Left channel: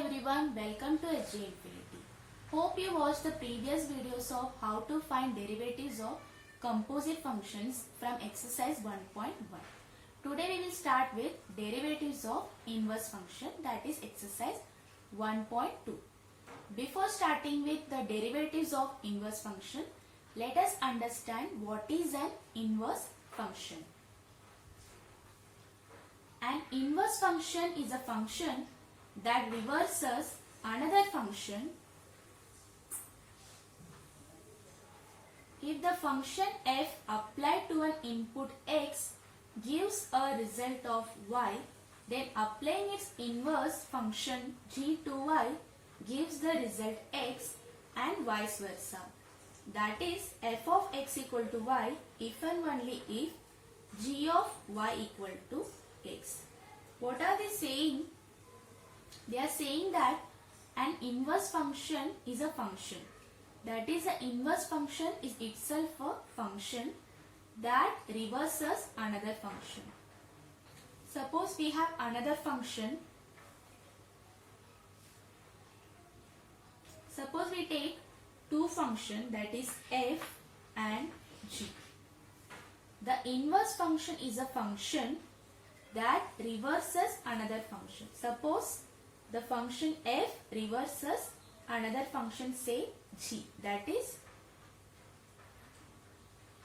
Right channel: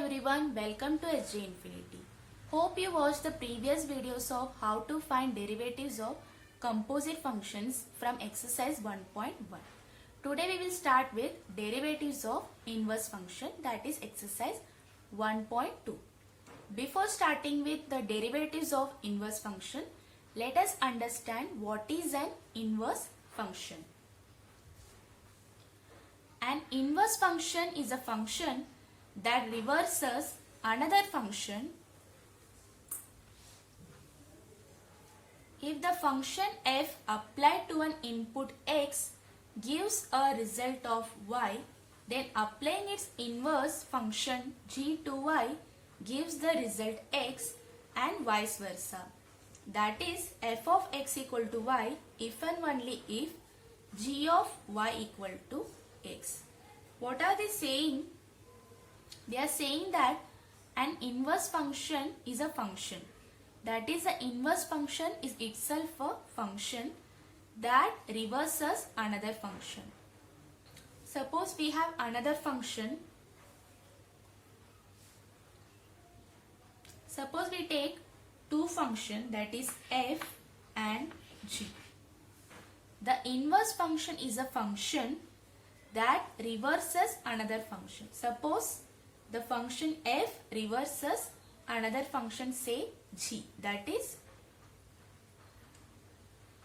everyone, welcome to SJ Infinity. Hope you watched the previous videos of how to find derivatives of composite functions from exercise 1.1. Today we will start with derivatives of inverse function, that is exercise 1.2. Before starting with the derivatives of inverse function, let us understand what is an inverse function. An inverse function is a function that reverses another function if the function f applied to an input x gives a result of y, then applying its inverse function g to y gives the result x and vice versa. That is f of x equal to y if and only if g of y equal to x. What are they saying? They are saying that an inverse function is a function. That is, the inverse function is itself a function that reverses another function. Suppose we have another function. Suppose we take two functions, that is f and g. The inverse function is a function that reverses another function. Suppose the function f reverses another function, say g. That is,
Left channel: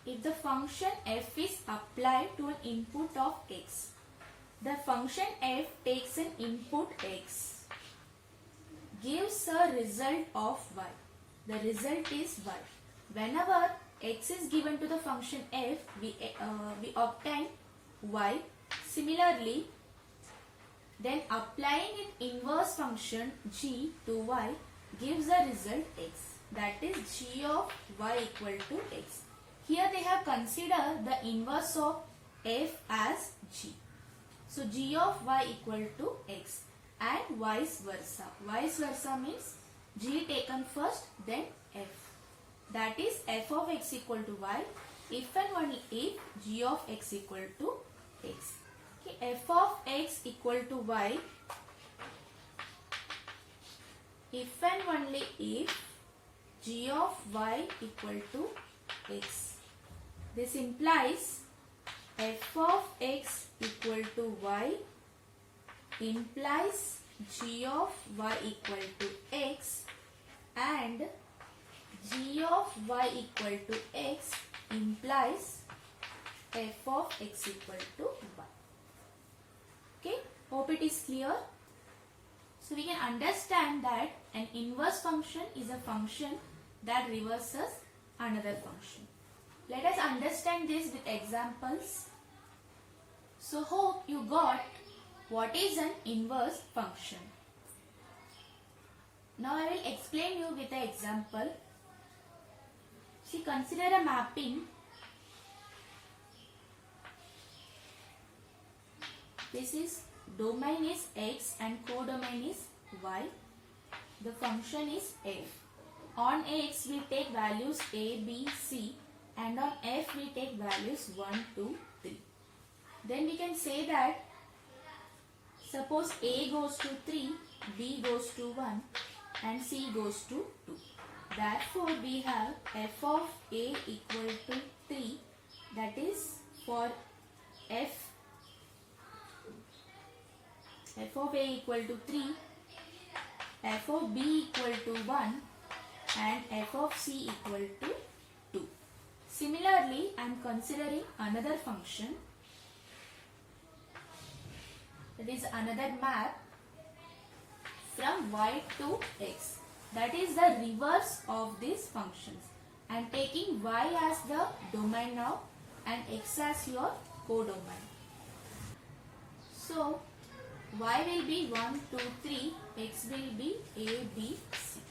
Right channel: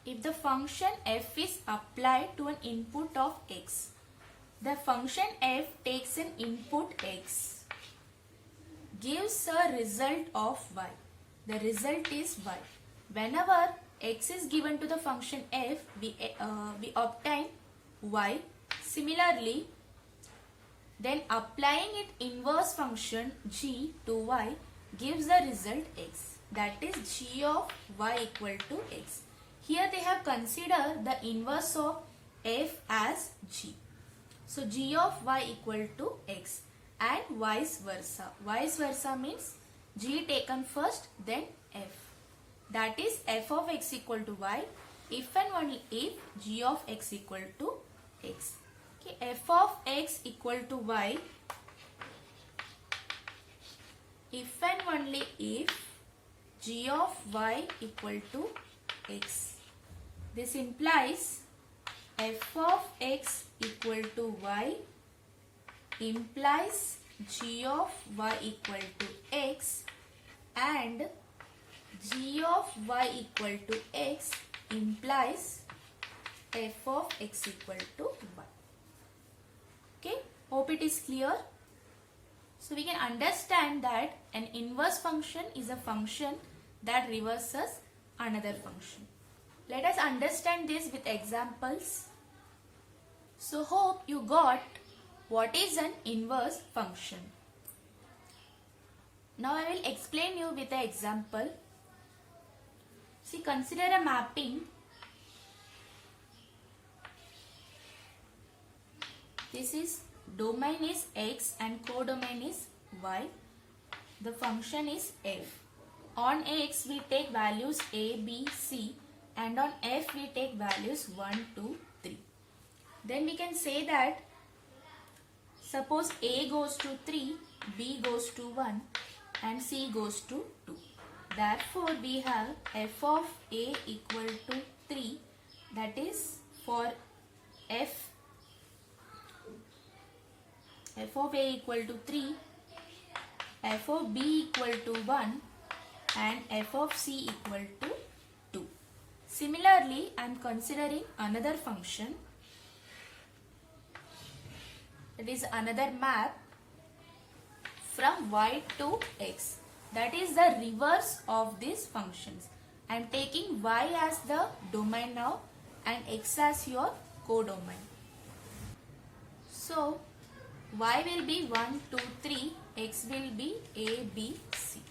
if the function f is applied to an input of x, the function f takes an input x, gives a result of y. The result is y. Whenever x is given to the function f, we obtain y. Similarly, then applying its inverse function g to y gives the result x. That is g of y equal to x. Here they have considered the inverse of f as g. So g of y equal to x and vice versa. Vice versa means g taken first, then f. That is f of x equal to y if and only if g of x equal to x. Okay, f of x equal to y if and only if g of y equal to x. This implies f of x equal to y implies g of y equal to x and g of y equal to x implies f of x equal to y. Okay, hope it is clear. So we can understand that an inverse function is a function that reverses another function. Let us understand this with examples. So hope you got what is an inverse function. Now I will explain you with an example. See, consider a mapping. This is domain is x and codomain is y. The function is f. On x we take values a, b, c, and on f we take values 1, 2, 3. Then we can say that suppose a goes to 3, b goes to 1 and c goes to 2. Therefore we have f of a equal to 3, that is for f of a equal to 3, f of b equal to 1 and f of c equal to 2. Similarly, I am considering another function, that is another map from y to x. That is the reverse of these functions. I am taking y as the domain now and x as your codomain. So y will be 1, 2, 3, x will be a, b, c.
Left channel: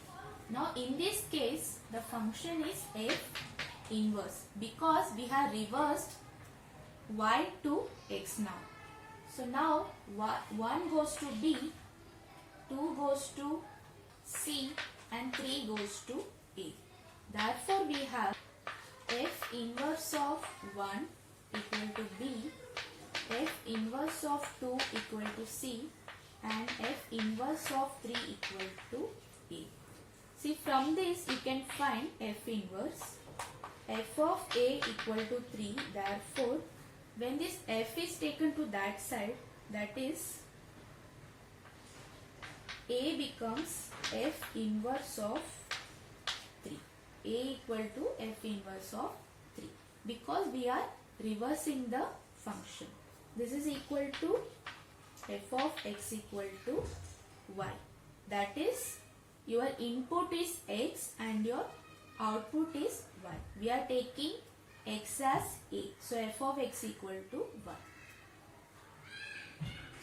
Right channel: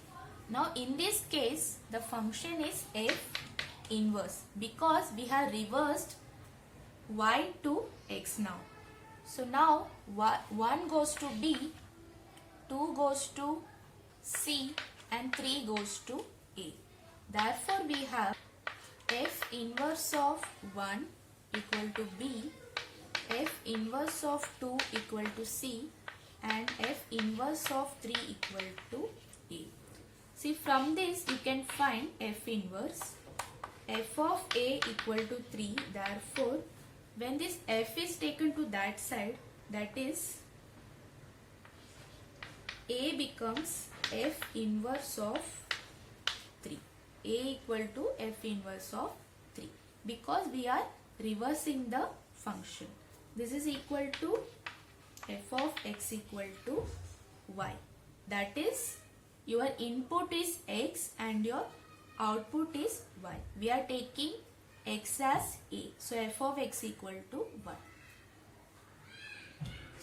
Now in this case the function is f inverse because we have reversed y to x now. So now 1 goes to b, 2 goes to c and 3 goes to a. Therefore we have f inverse of 1 equal to b, f inverse of 2 equal to c and f inverse of 3 equal to a. See, from this you can find f inverse. F of a equal to 3. Therefore, when this f is taken to that side, that is a becomes f inverse of 3. A equal to f inverse of 3, because we are reversing the function. This is equal to f of x equal to y. That is, your input is x and your output is y. We are taking x as a. So f of x equal to y.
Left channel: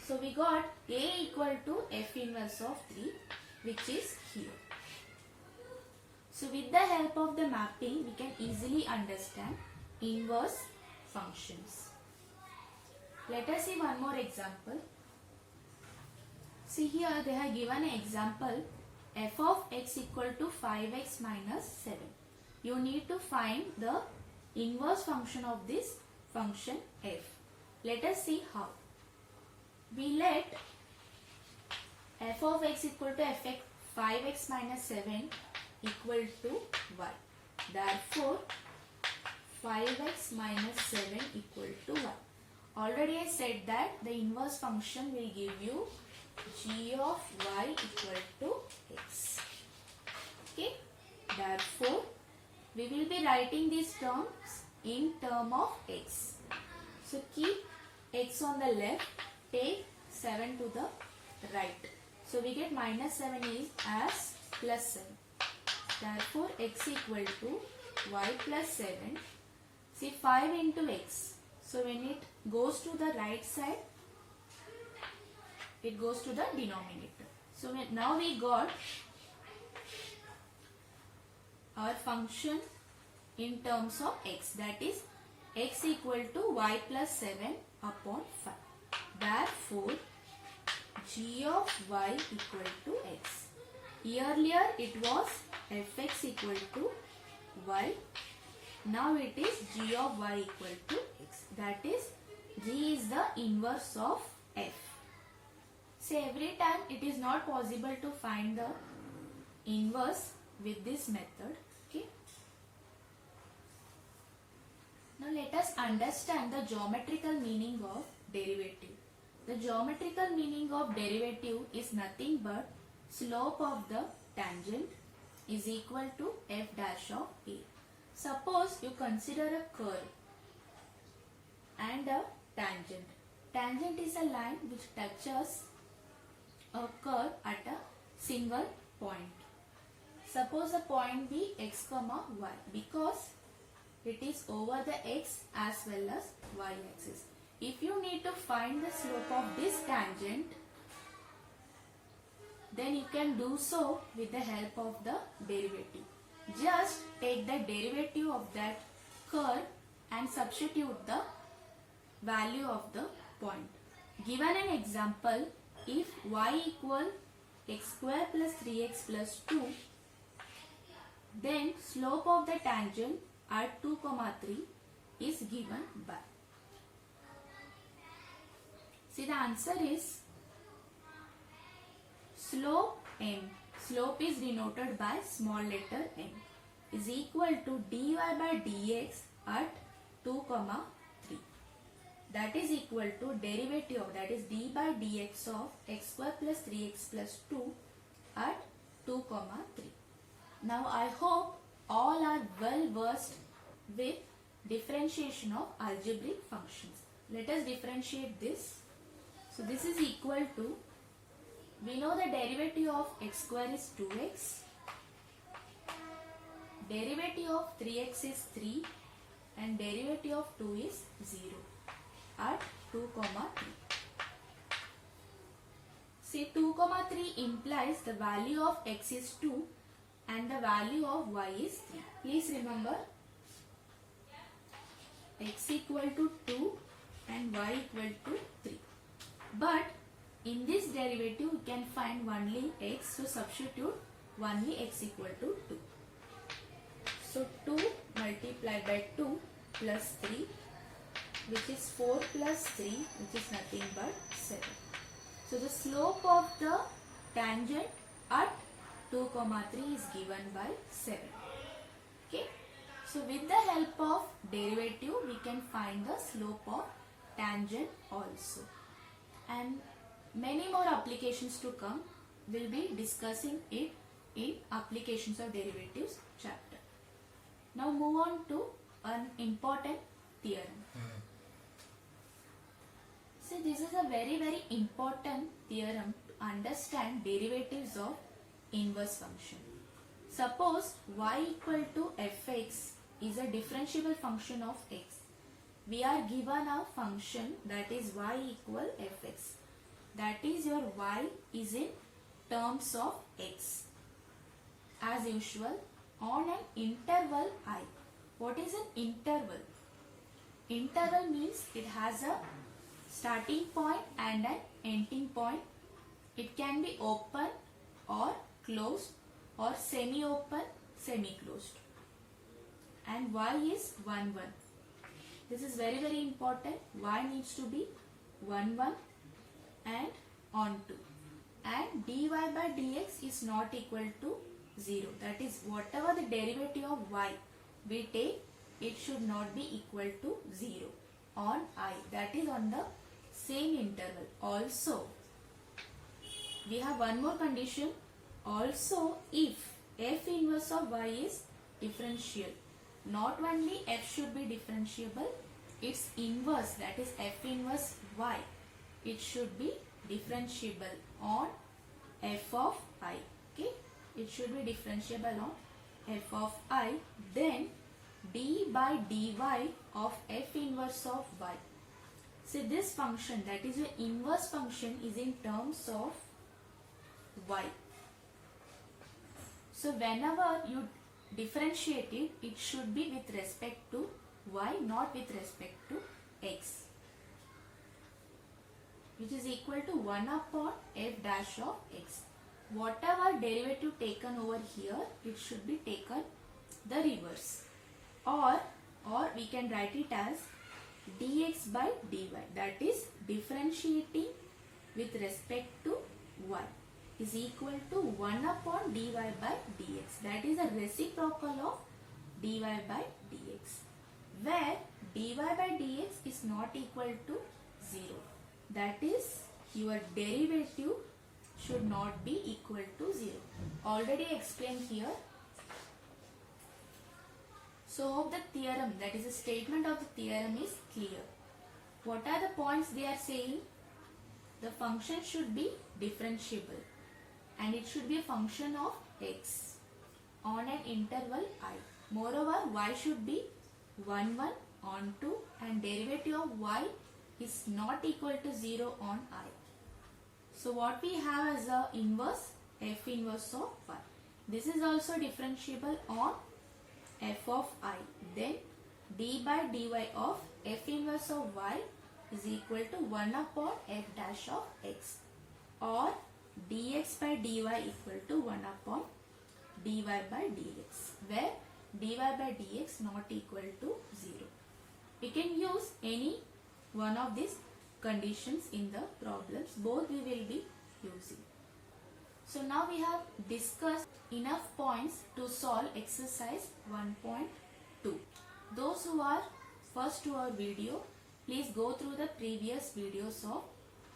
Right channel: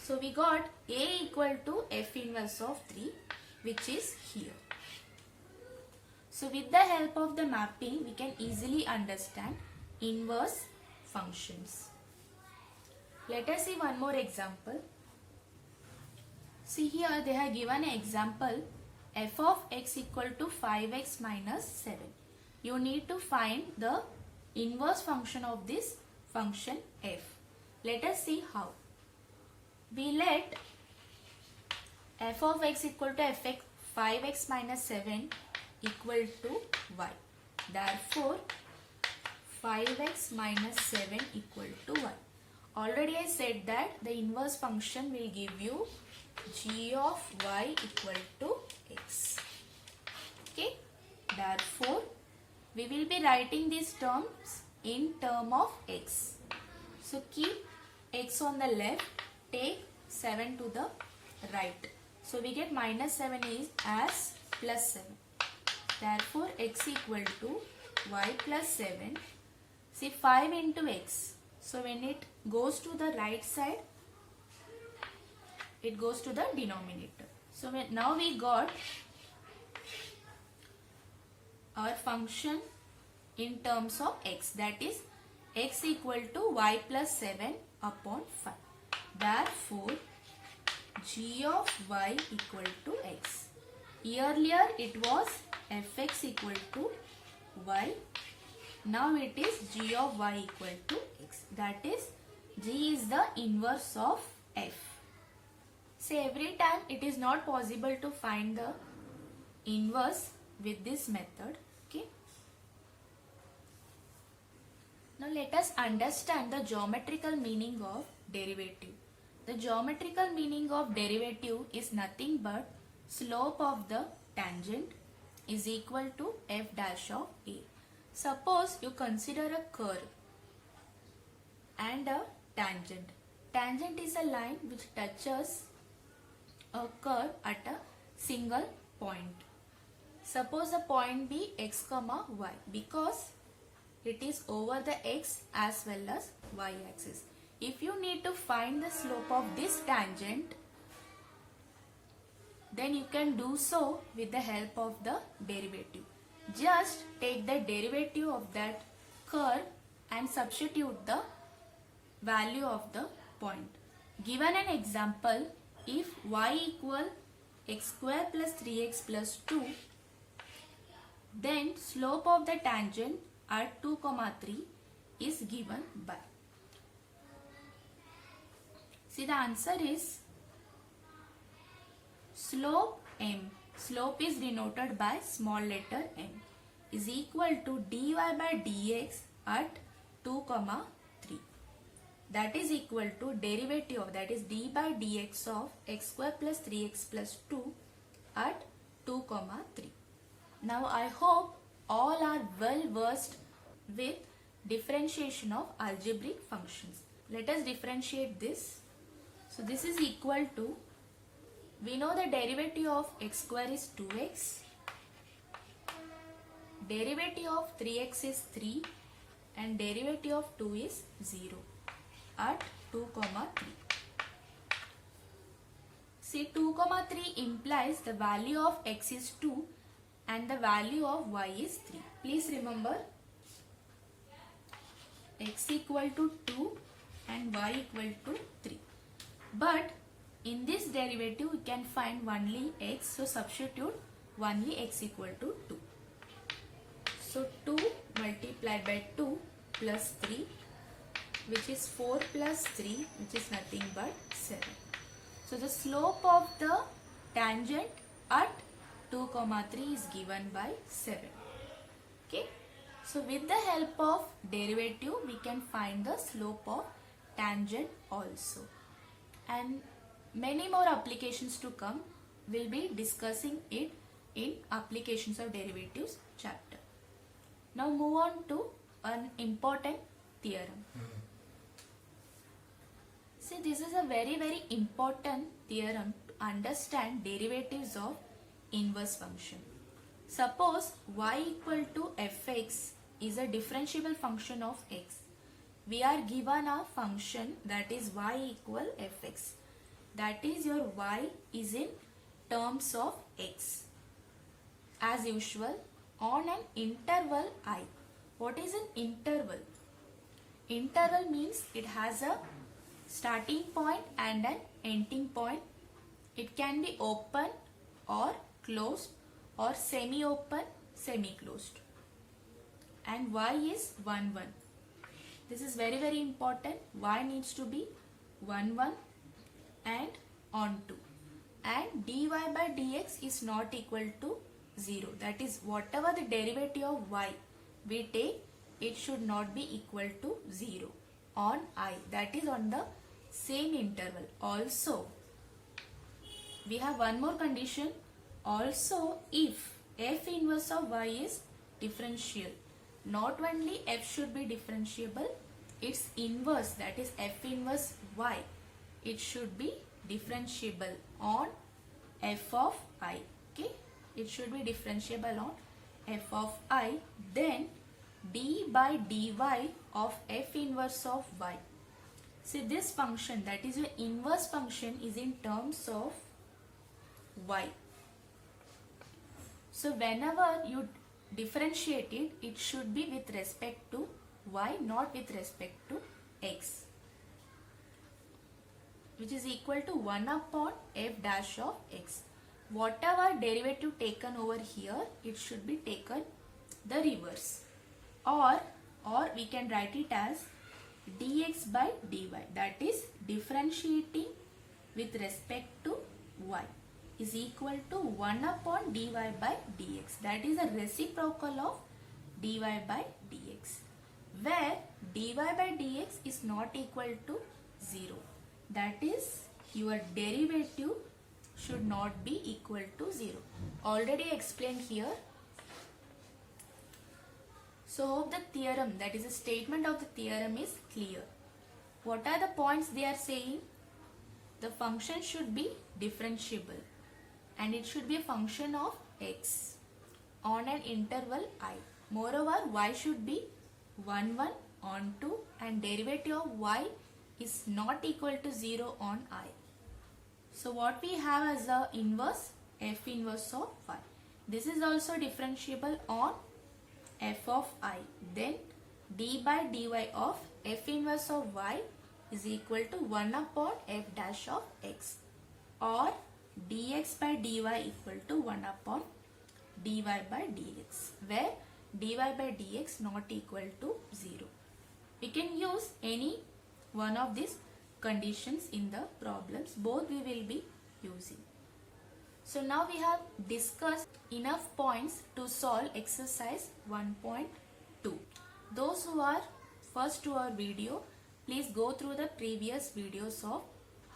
So we got a equal to f inverse of 3, which is here. So with the help of the mapping, we can easily understand inverse functions. Let us see one more example. See, here they have given an example, f of x equal to 5x minus 7. You need to find the inverse function of this function f. Let us see how. We let f of x equal to fx 5x minus 7 equal to y. Therefore, 5x minus 7 equal to y. Already I said that the inverse function will give you g of y equal to x. Okay. Therefore, we will be writing these terms in term of x. So keep x on the left, take 7 to the right. So we get minus 7 is as plus 7. Therefore, x equal to y plus 7. See, 5 into x. So when it goes to the right side, it goes to the denominator. So now we got our function in terms of x, that is x equal to y plus 7 upon 5. Therefore, g of y equal to x. Earlier it was fx equal to y. Now it is g of y equal to x. That is, g is the inverse of f. So every time it is not possible to find the inverse with this method. Okay. Now let us understand the geometrical meaning of derivative. The geometrical meaning of derivative is nothing but slope of the tangent is equal to f dash of a. Suppose you consider a curve and a tangent. Tangent is a line which touches a curve at a single point. Suppose the point be x comma y, because it is over the x as well as y axis. If you need to find the slope of this tangent, then you can do so with the help of the derivative. Just take the derivative of that curve and substitute the value of the point. Given an example, if y equal x square plus 3x plus 2, then slope of the tangent at 2, 3 is given by. See, the answer is slope m. Slope is denoted by small letter m is equal to dy by dx at 2, 3. That is equal to derivative, that is d by dx of x square plus 3x plus 2 at 2, 3. Now I hope all are well versed with differentiation of algebraic functions. Let us differentiate this. So this is equal to, we know the derivative of x square is 2x, derivative of 3x is 3 and derivative of 2 is 0 at 2, 3. See, 2, 3 implies the value of x is 2 and the value of y is 3. Please remember, x equal to 2 and y equal to 3. But in this derivative we can find only x, so substitute only x equal to 2. So 2 multiplied by 2 plus 3, which is 4 plus 3, which is nothing but 7. So the slope of the tangent at 2, 3 is given by 7. Okay. So with the help of derivative, we can find the slope of tangent also. And many more applications to come. We'll be discussing it in applications of derivatives chapter. Now move on to an important theorem. See, this is a very important theorem to understand derivatives of inverse function. Suppose y equal to fx is a differentiable function of x. We are given a function that is y equal fx. That is, your y is in terms of x. As usual, on an interval I. What is an interval? Interval means it has a starting point and an ending point. It can be open or closed or semi-open, semi-closed. And y is 1, 1. This is very important. Y needs to be 1, 1 and on 2. And dy by dx is not equal to 0. That is, whatever the derivative of y we take, it should not be equal to 0 on I. That is on the same interval. Also, we have one more condition. Also, if f inverse of y is differential, not only f should be differentiable, its inverse, that is f inverse y, it should be differentiable on f of I. Okay, it should be differentiable on f of I. Then d by dy of f inverse of y. See, this function, that is your inverse function, is in terms of y. So whenever you differentiate it, it should be with respect to y, not with respect to x, which is equal to 1 upon f dash of x. Whatever derivative taken over here, it should be taken the reverse. Or we can write it as dx by dy, that is differentiating with respect to y, is equal to 1 upon dy by dx. That is a reciprocal of dy by dx, where dy by dx is not equal to 0. That is, your derivative should not be equal to 0. Already explained here. So hope the theorem, that is a statement of the theorem, is clear. What are the points they are saying? The function should be differentiable and it should be a function of x on an interval I. Moreover, y should be 1, 1 on 2 and derivative of y is not equal to 0 on I. So what we have as a inverse, f inverse of y. This is also differentiable on f of I. Then d by dy of f inverse of y is equal to 1 upon f dash of x, or dx by dy equal to 1 upon dy by dx, where dy by dx not equal to 0. We can use any one of these conditions in the problems. Both we will be using. So now we have discussed enough points to solve exercise 1.2. Those who are first to our video, please go through the previous videos of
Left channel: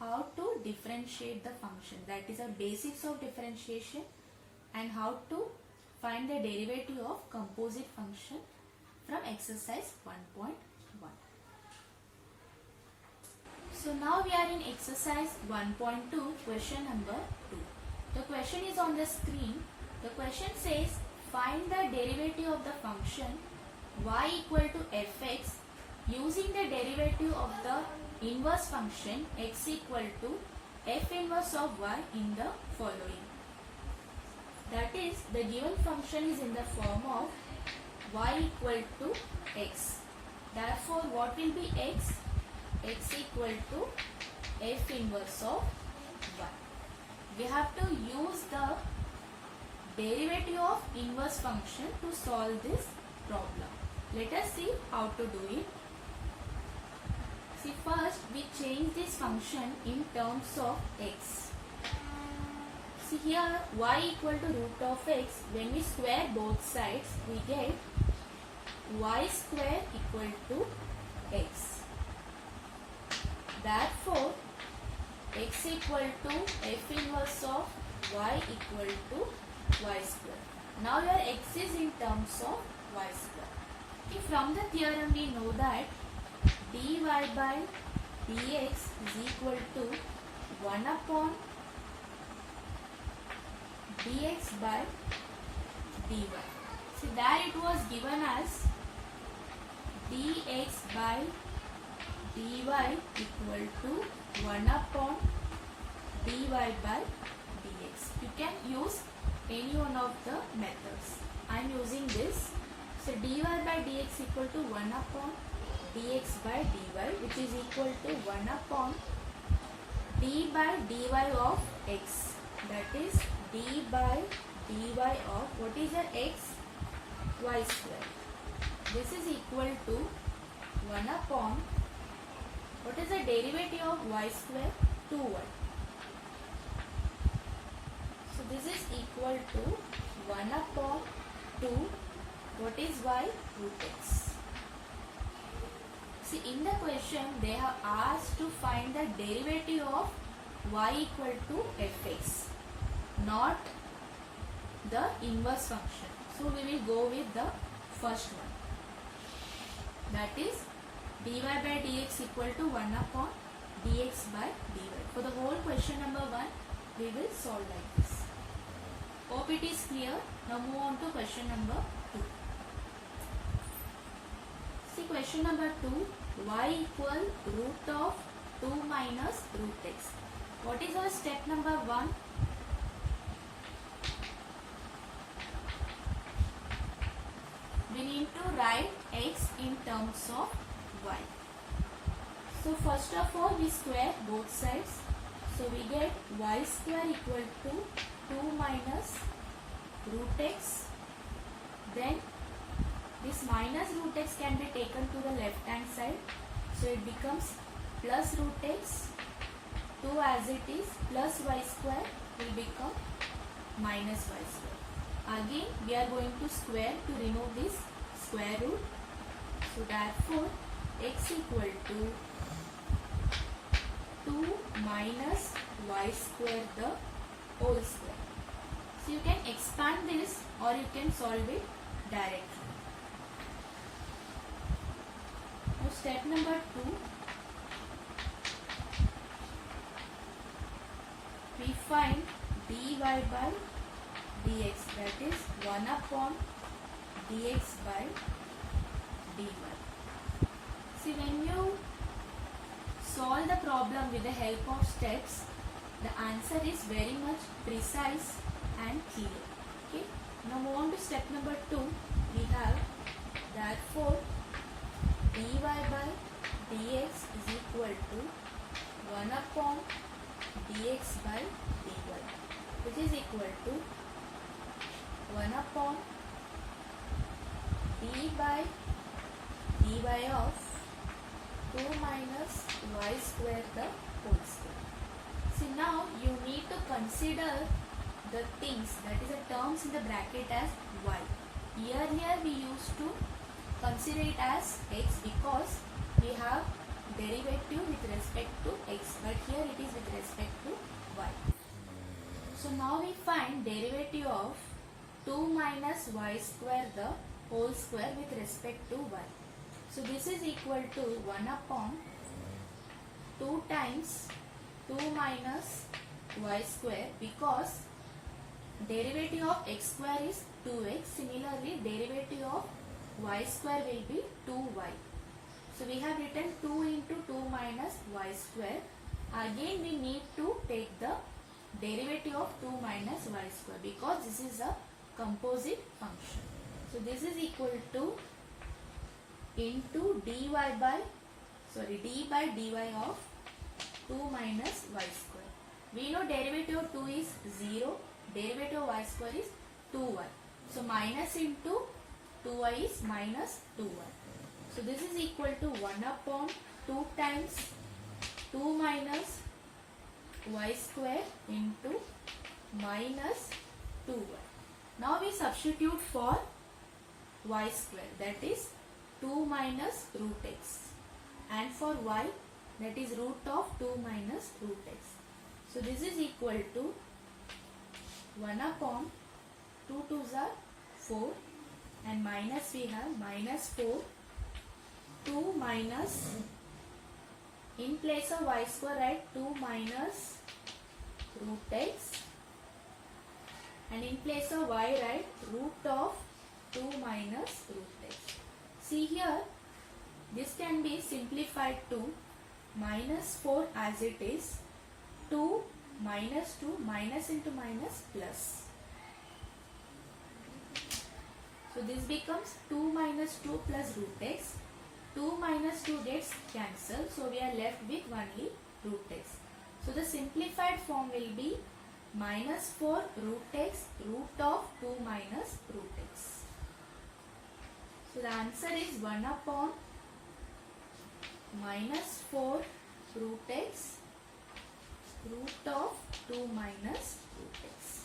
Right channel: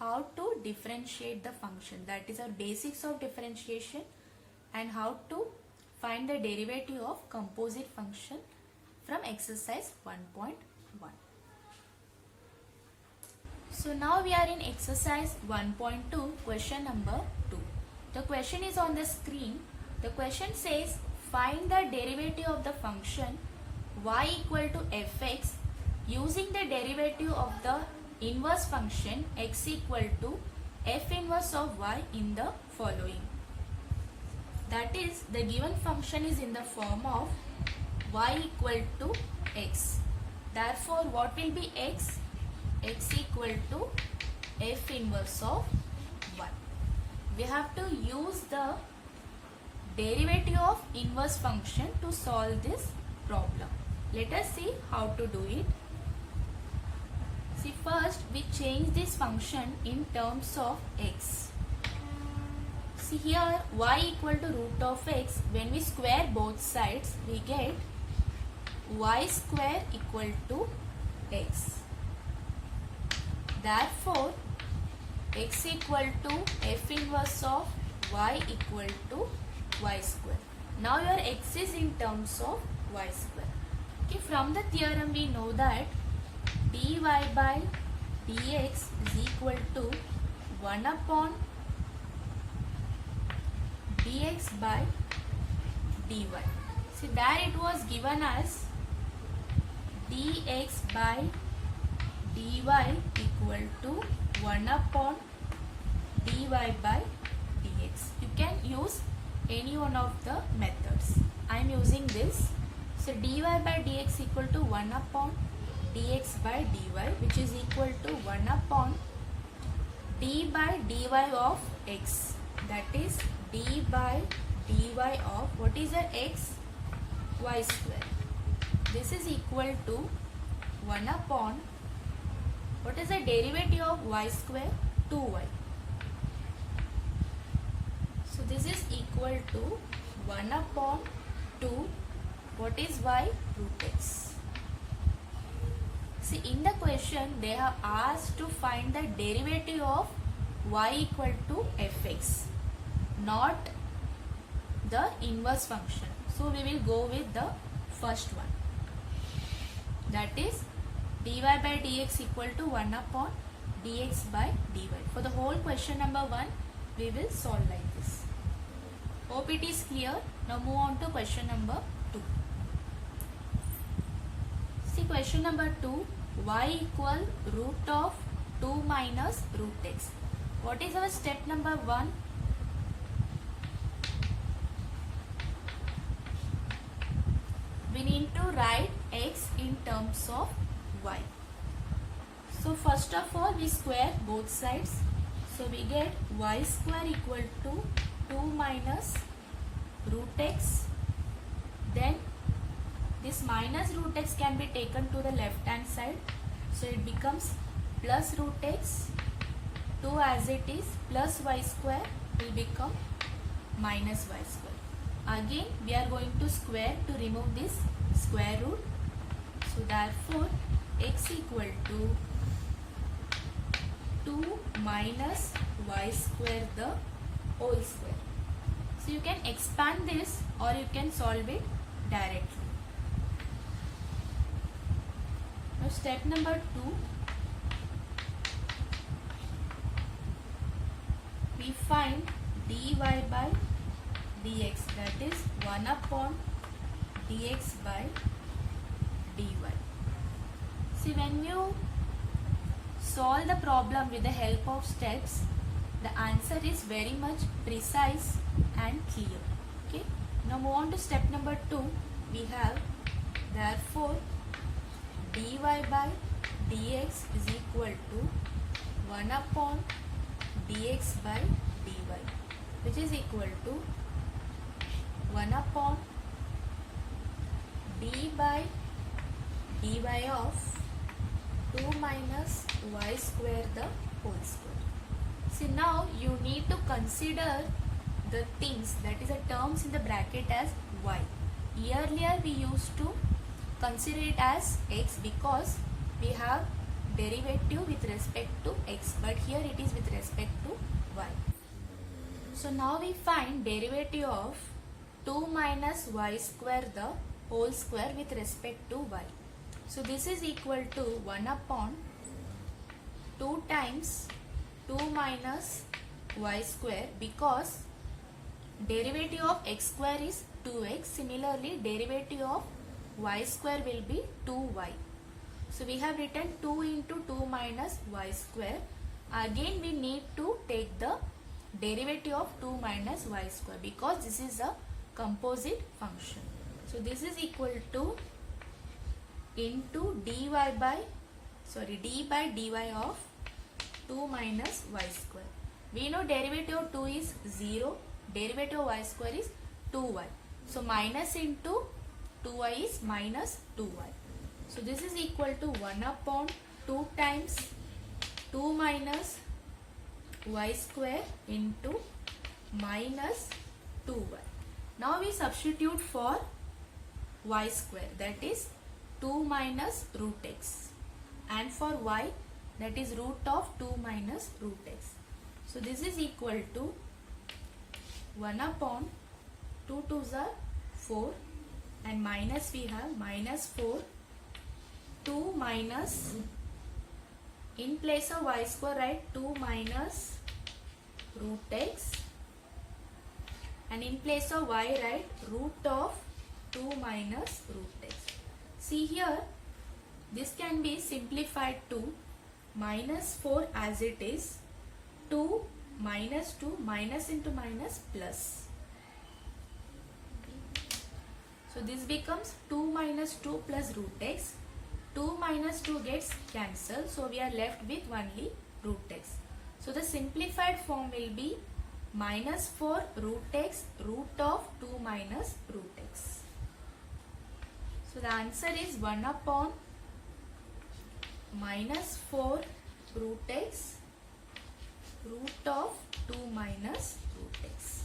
how to differentiate the function. That is our basics of differentiation and how to find the derivative of composite function from exercise 1.1. So now we are in exercise 1.2, question number 2. The question is on the screen. The question says, find the derivative of the function y equal to fx using the derivative of the inverse function x equal to f inverse of y in the following. That is, the given function is in the form of y equal to x. Therefore, what will be x? X equal to f inverse of y. We have to use the derivative of inverse function to solve this problem. Let us see how to do it. See, first we change this function in terms of x. See here, y equal to root of x. When we square both sides, we get y square equal to x. Therefore, x equal to f inverse of y equal to y square. Now your x is in terms of y square. Okay, from the theorem we know that dy by dx is equal to 1 upon dx by dy. See, there it was given as dx by dy equal to 1 upon dy by dx. You can use any one of the methods. I am using this. So dy by dx equal to 1 upon dx by dy, which is equal to 1 upon d by dy of x. That is d by dy of, what is the x? Y square. This is equal to 1 upon, what is the derivative of y square? 2y. So this is equal to 1 upon 2, what is y? Root x. See, in the question they have asked to find the derivative of y equal to fx, not the inverse function. So we will go with the first one, that is dy by dx equal to 1 upon dx by dy. For the whole question number 1, we will solve like this. Hope it is clear. Now move on to question number 2. See, question number 2, y equal root of 2 minus root x. What is our step number 1? We need to write x in terms of y. So first of all, we square both sides. So we get y square equal to 2 minus root x. Then this minus root x can be taken to the left hand side. So it becomes plus root x. 2 as it is plus y square will become minus y square. Again we are going to square to remove this square root. So therefore x equal to 2 minus y square the whole square. So you can expand this or you can solve it directly. Now step number 2, we find dy by dx, that is 1 upon dx by dy. See, when you solve the problem with the help of steps, the answer is very much precise and clear. Okay. Now move on to step number 2. We have, therefore dy by dx is equal to 1 upon dx by dy, which is equal to 1 upon d by dy of 2 minus y square the whole square. See, now you need to consider the things, that is the terms in the bracket, as y. Earlier we used to consider it as x because we have derivative with respect to x, but here it is with respect to y. So now we find derivative of 2 minus y square the whole square with respect to y. So this is equal to 1 upon 2 times 2 minus y square, because derivative of x square is 2x. Similarly, derivative of y square will be 2y. So we have written 2 into 2 minus y square. Again we need to take the derivative of 2 minus y square because this is a composite function. So this is equal to into d by dy of 2 minus y square. We know derivative of 2 is 0, derivative of y square is 2y. So minus into 2y is minus 2y. So this is equal to 1 upon 2 times 2 minus y square into minus 2y. Now we substitute for y square, that is 2 minus root x, and for y, that is root of 2 minus root x. So this is equal to 1 upon 2 2s are 4, and minus we have minus 4, 2 minus, in place of y square write 2 minus root x, and in place of y write root of 2 minus root x. See here, this can be simplified to minus 4 as it is, 2 minus 2, minus into minus plus. So this becomes 2 minus 2 plus root x. 2 minus 2 gets cancelled, so we are left with only root x. So the simplified form will be minus 4 root x root of 2 minus root x. So the answer is 1 upon minus 4 root x root of 2 minus root x.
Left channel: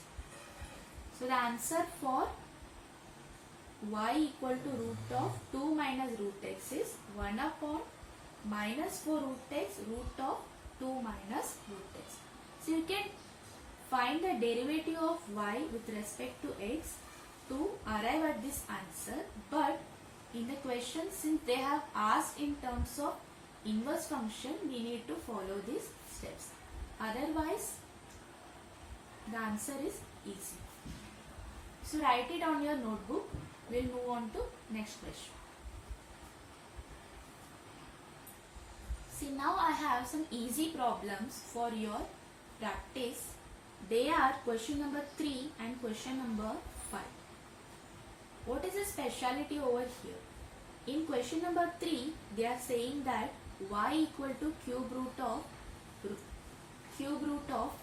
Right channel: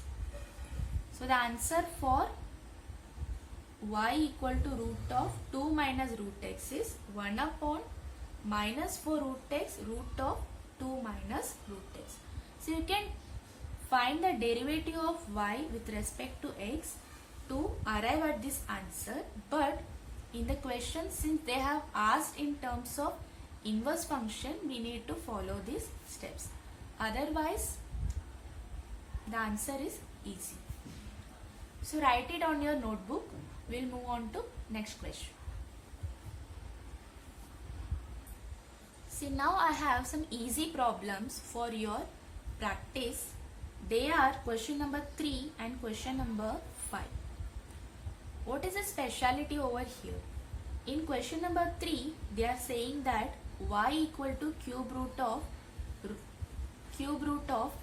So the answer for y equal to root of 2 minus root x is 1 upon minus 4 root x root of 2 minus root x. So you can find the derivative of y with respect to x to arrive at this answer, but in the question, since they have asked in terms of inverse function, we need to follow these steps. Otherwise, the answer is easy. So write it on your notebook. We'll move on to next question. See, now I have some easy problems for your practice. They are question number 3 and question number 5. What is the speciality over here? In question number 3, they are saying that y equal to cube root of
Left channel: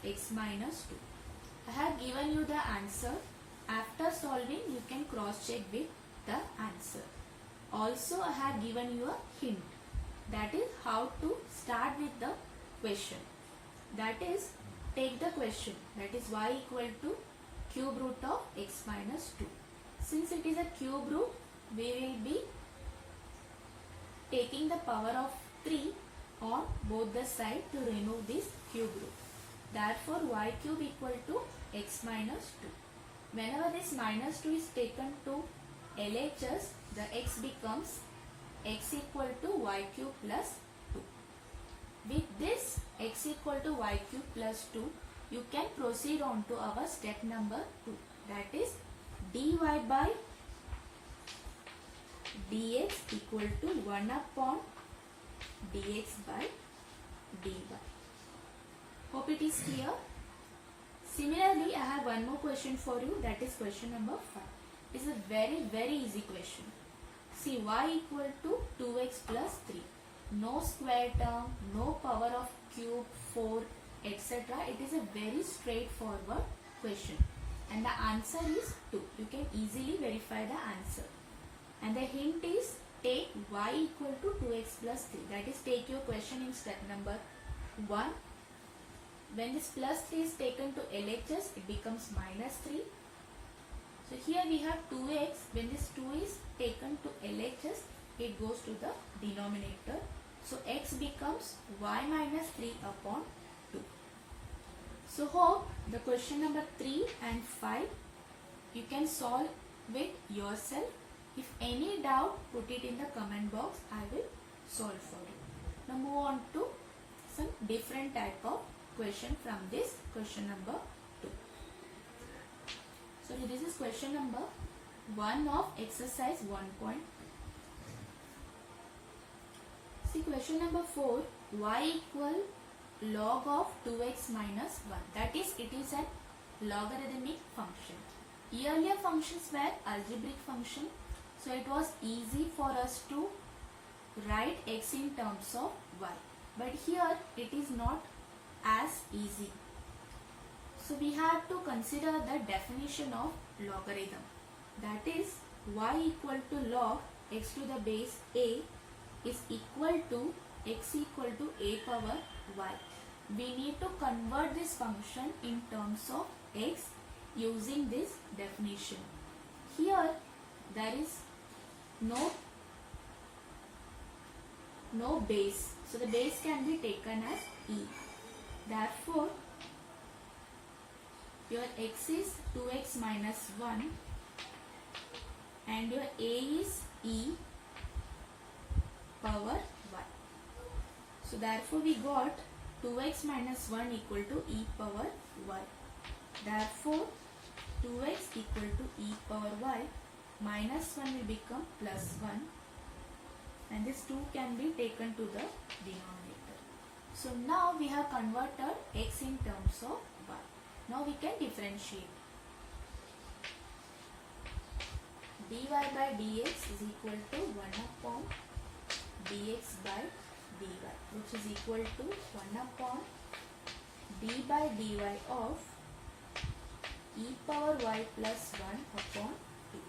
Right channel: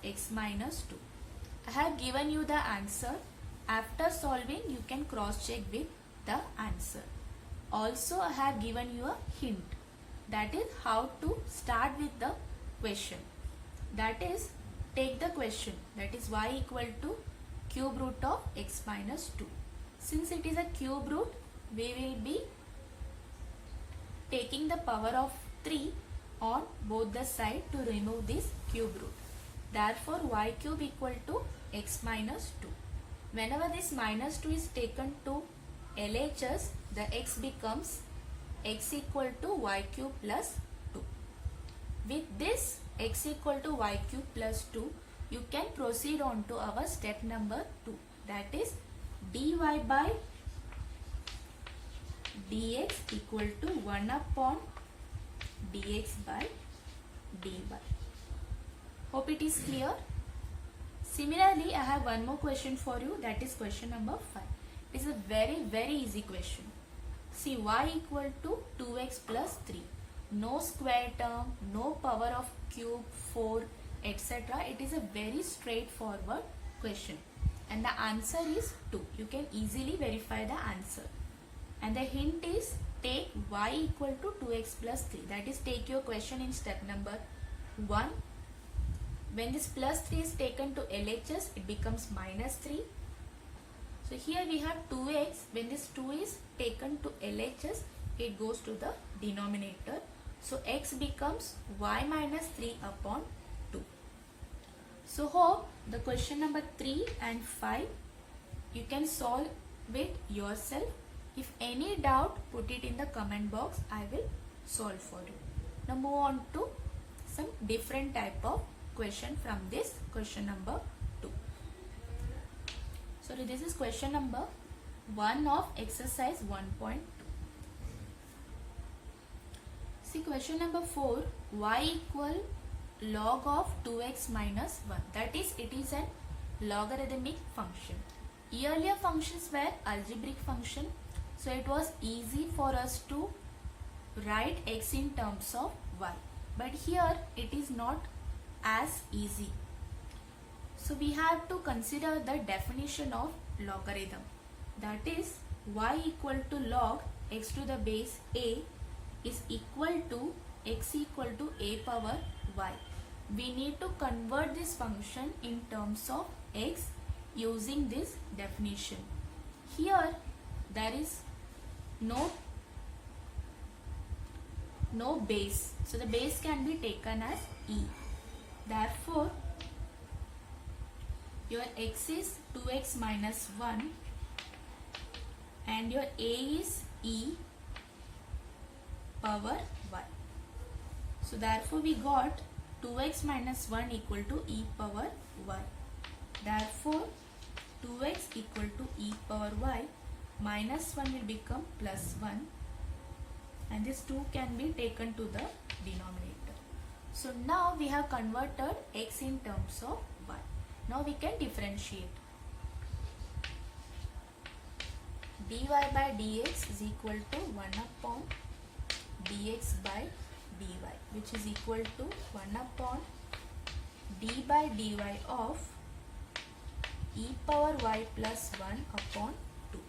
x minus 2. I have given you the answer. After solving, you can cross check with the answer. Also, I have given you a hint. That is how to start with the question. That is, take the question. That is y equal to cube root of x minus 2. Since it is a cube root, we will be taking the power of 3 on both the sides to remove this cube root. Therefore, y cube equal to x minus 2. Whenever this minus 2 is taken to LHS, the x becomes x equal to y cube plus 2. With this x equal to y cube plus 2, you can proceed on to our step number 2. That is dy by dx equal to 1 upon dx by dy. Hope it is clear. Similarly, I have one more question for you, that is question number 5. It is a very easy question. See, y equal to 2x plus 3. No square term, no power of cube, 4, etc. It is a very straightforward question. And the answer is 2. You can easily verify the answer. And the hint is take y equal to 2x plus 3. That is, take your question in step number 1. When this plus 3 is taken to LHS, it becomes minus 3. So here we have 2x. When this 2 is taken to LHS, it goes to the denominator. So x becomes y minus 3 upon 2. So hope the question number 3 and 5 you can solve it yourself. If any doubt, put it in the comment box. I will solve for you. Now move on to some different type of question from this question number 2. So this is question number 1 of exercise 1. See, question number 4, y equal log of 2x minus 1. That is, it is a logarithmic function. Earlier functions were algebraic function. So it was easy for us to write x in terms of y. But here it is not as easy. So we have to consider the definition of logarithm. That is, y equal to log x to the base a is equal to x equal to a power y. We need to convert this function in terms of x using this definition. Here there is no base, so the base can be taken as e. Therefore your x is 2x minus 1 and your a is e power y. So therefore we got 2x minus 1 equal to e power y. Therefore 2x equal to e power y minus 1 will become plus 1, and this 2 can be taken to the denominator. So now we have converted x in terms of y. Now we can differentiate. dy by dx is equal to 1 upon dx by dy, which is equal to 1 upon d by dy of e power y plus 1 upon 2.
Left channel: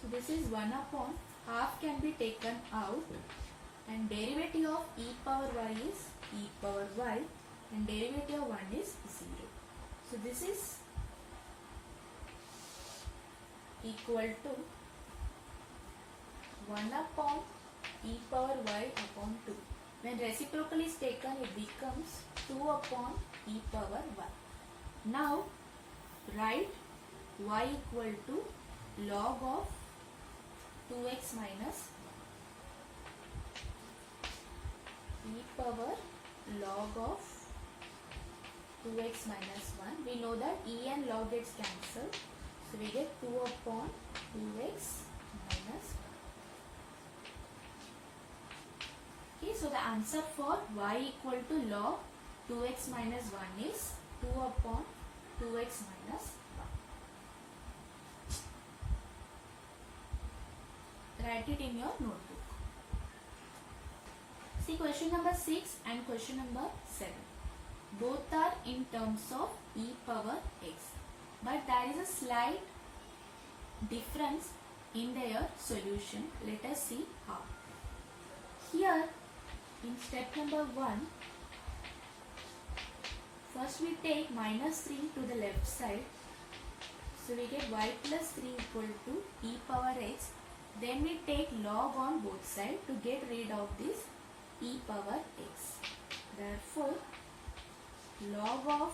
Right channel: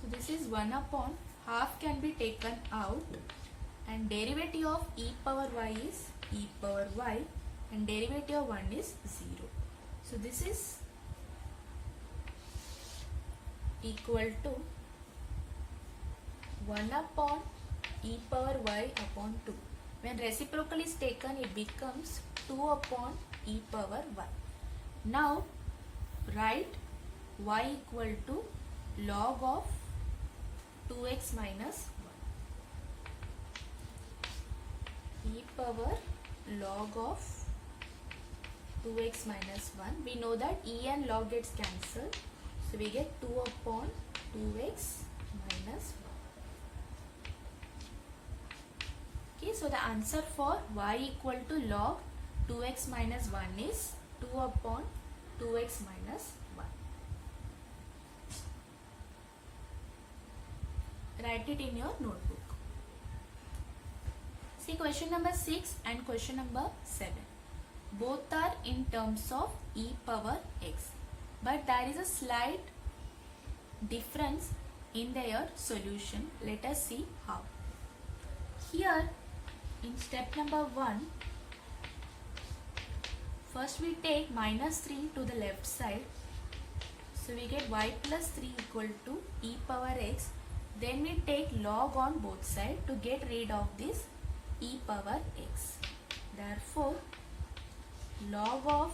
So this is 1 upon, half can be taken out, and derivative of e power y is e power y, and derivative of 1 is 0. So this is equal to 1 upon e power y upon 2. When reciprocal is taken, it becomes 2 upon e power y. Now write y equal to log of 2x minus e power log of 2x minus 1. We know that e and log gets cancelled, so we get 2 upon 2x minus 1. Okay, so the answer for y equal to log 2x minus 1 is 2 upon 2x minus 1. Write it in your notebook. See question number 6 and question number 7. Both are in terms of e power x, but there is a slight difference in their solution. Let us see how. Here in step number 1, first we take minus 3 to the left side, so we get y plus 3 equal to e power x. Then we take log on both sides to get rid of this e power x. Therefore log of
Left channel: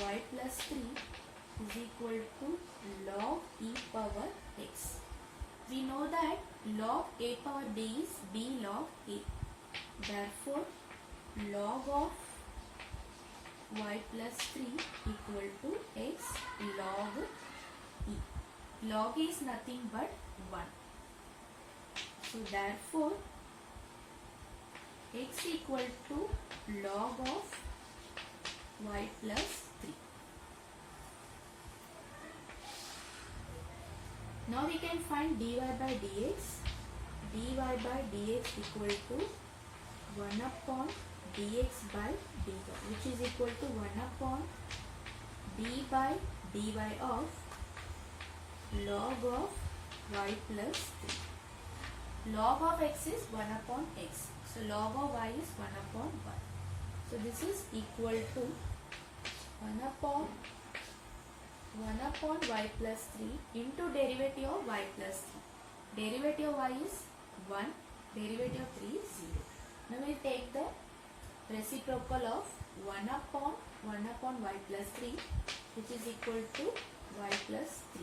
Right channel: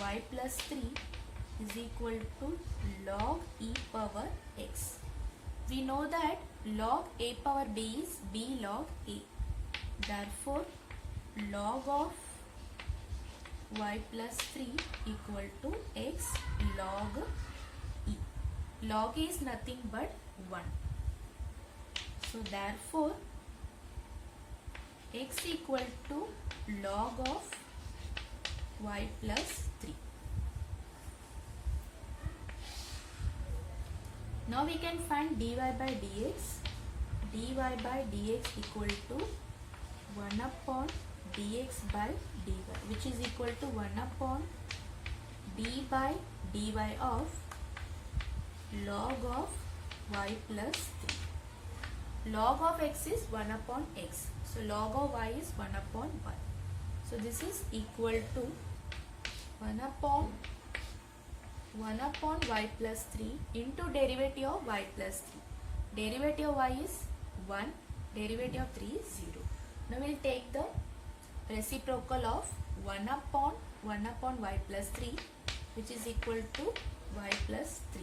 y plus 3 is equal to log e power x. We know that log a power b is b log a. Therefore log of y plus 3 equal to x log e. Log e is nothing but 1. So therefore x equal to log of y plus 3. Now we can find dy by dx. dy by dx equal to 1 upon dx by dy, which is equal to 1 upon d by dy of log of y plus 3. Log of x is 1 upon x. So log of y is 1 upon 1. So this is equal to 1 upon y plus 3 into derivative of y plus 3. Derivative of y is 1, derivative of 3 is 0. Now we will take the reciprocal of 1 upon y plus 3, which is equal to y plus 3.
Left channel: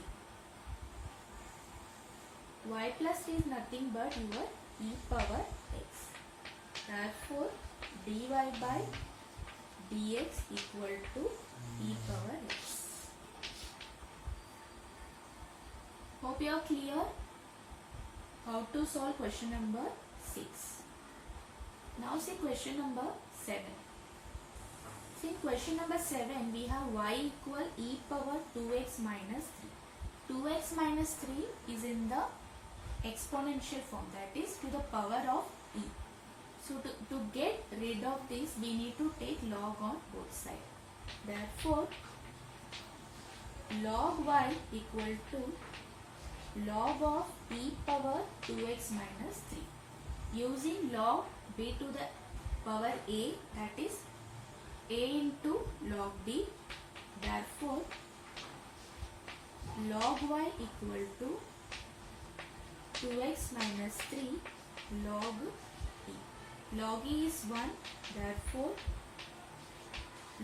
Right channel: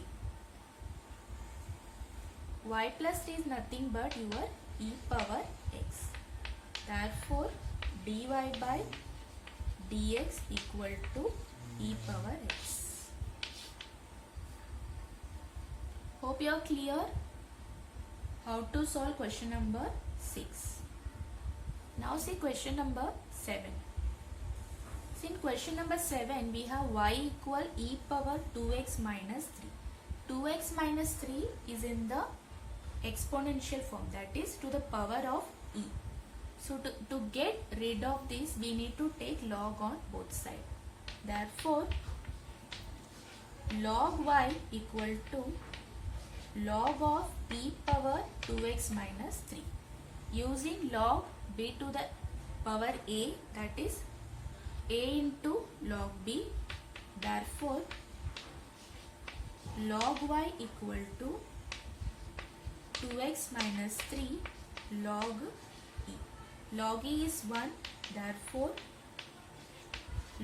Y plus 3 is nothing but your e power x. Therefore dy by dx equal to e power x. Hope you are clear how to solve question number 6. Now see question number 7. See in question number 7 we have y equal e power 2x minus 3. 2x minus 3 is in the exponential form, that is to the power of e. So to get rid of this we need to take log on both sides. Therefore log y equal to log of e power 2x minus 3. Using log b to the power a, that is a into log b. Therefore, log y equal to 2x minus 3 log e. Log e is 1. Therefore,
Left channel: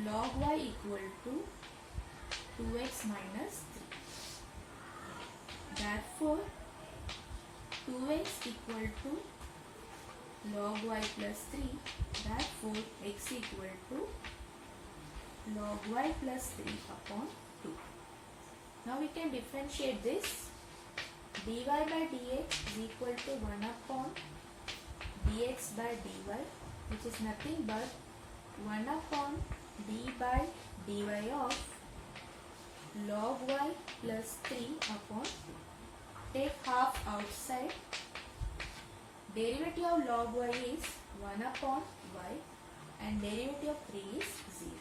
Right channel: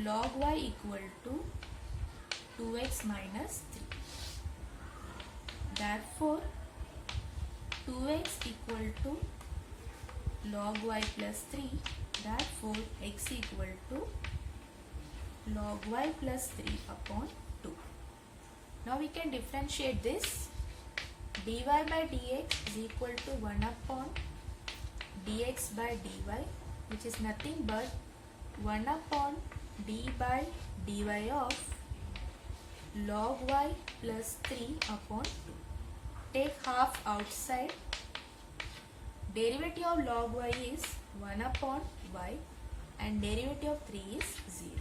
log y equal to 2x minus 3. Therefore, 2x equal to log y plus 3. Therefore, x equal to log y plus 3 upon 2. Now we can differentiate this. dy by dx is equal to 1 upon dx by dy, which is nothing but 1 upon d by dy of log y plus 3 upon 2. Take half outside. Derivative of log y is 1 upon y and derivative of 3 is 0.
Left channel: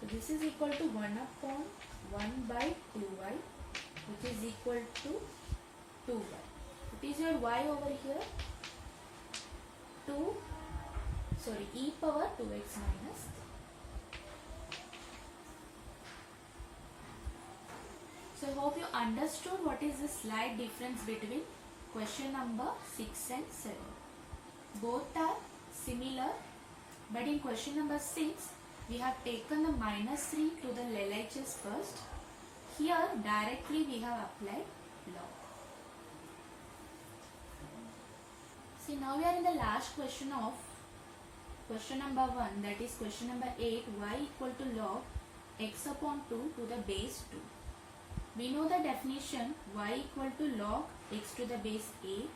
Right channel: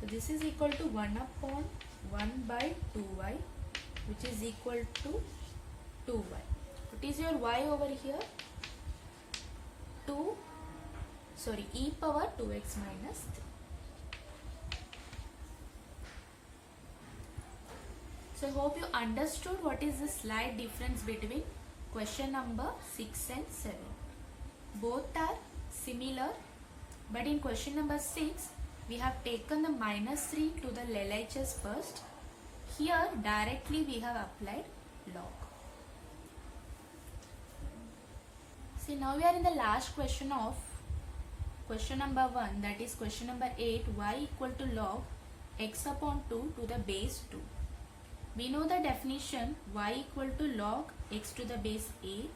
So this is equal to 1 upon 1 by 2y, which is equal to 2y. What is your y over here? E power 2x minus 3. So hope you understood what is the slight difference between question number 6 and 7. Both are similar, but in question number 6 we have taken the minus 3 to the LHS first. Here directly we have applied log. See, now we are in the last question of question number 1, that is question number 8, y equal to log x upon 2 to the base 2. We know the definition, y equal to log x to the base a,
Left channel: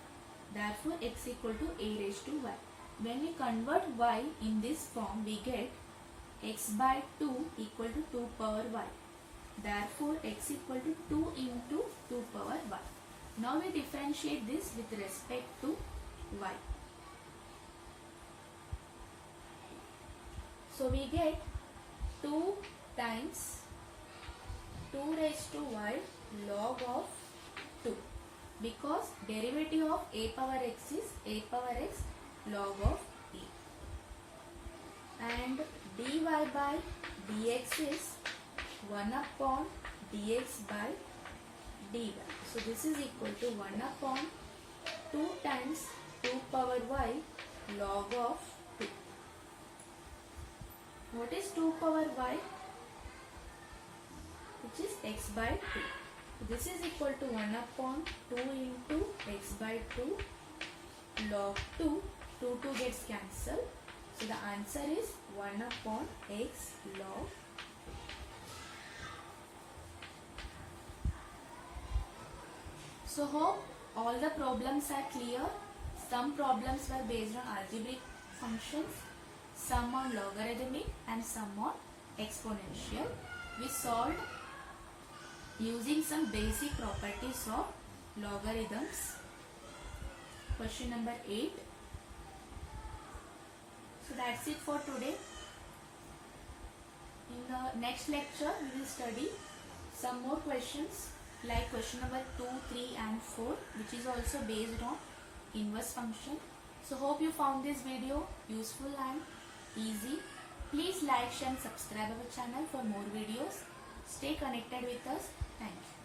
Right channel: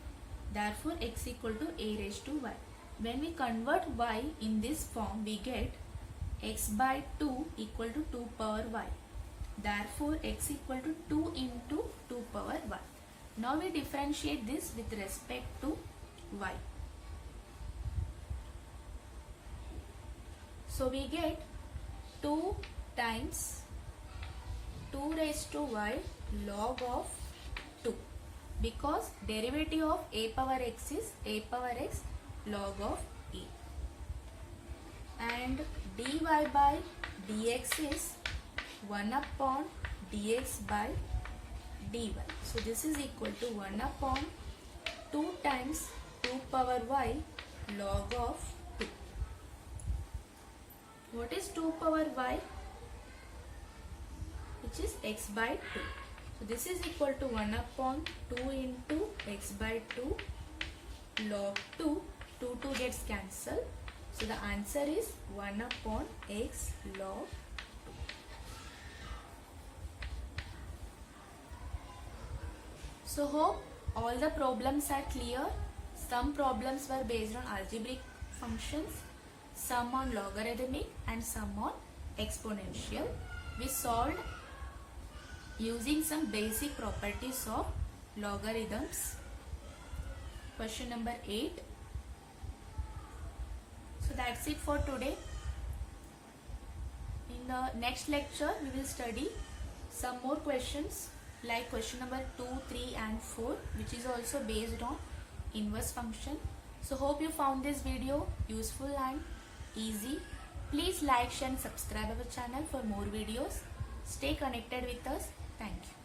therefore x equal to a raised to y. When we convert y in this form, we get x by 2 equal to 2 power y. Therefore x equal to 2 into 2 power y. Now we differentiate this with respect to y. So we get 2 times 2 raised to y log of 2, because derivative of a power x is a power x log of e, and dy by dx is 1 upon dx by dy. So this is equal to 1 upon 2 times 2 power y log of 2. What is 2 power y? Which is x by 2. So this is equal to 1 upon 2 into x by 2 log 2. 2 gets cancelled. So the answer is 1 upon x log 2. So hope all the problems are clear. Some problems were based on algebraic functions, some on logarithmic and some on exponential. We solved using some basic properties of logarithms. Question number 8. So that's it for today. In the next lecture, we will study some more questions like question number 2, 3 and 4, which is also based on inverse function. So hope you found this video useful and easy. Please like, share and subscribe our channel for more videos. Stay connected with us. Thank you.